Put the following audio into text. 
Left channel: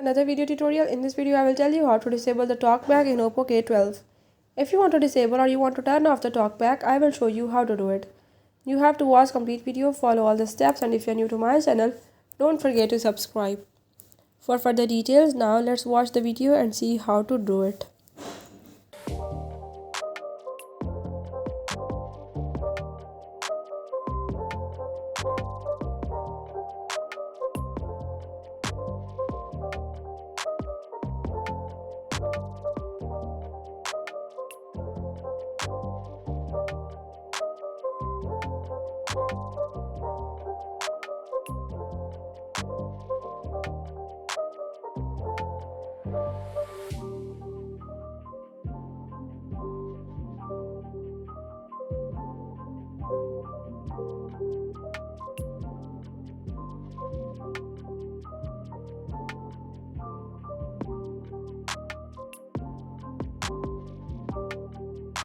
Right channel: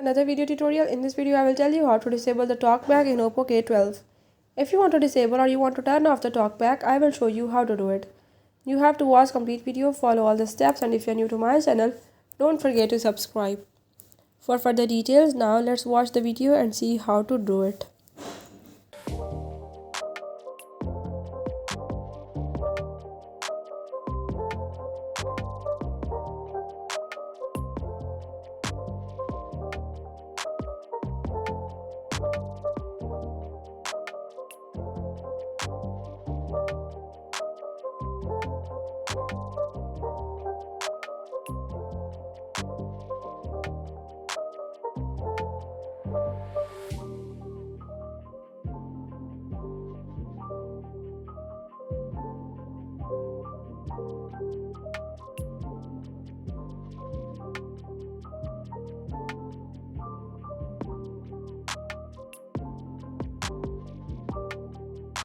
Another video tutorial. In this video I will tell you how to disable the talkback in Oppo K12. If you want to disable or you want to turn off the talkback, I will show you how to do it. You have to watch complete video, follow all the steps, and if you are new to my channel, don't forget to subscribe. For further details, now let's watch the video and see how to do it.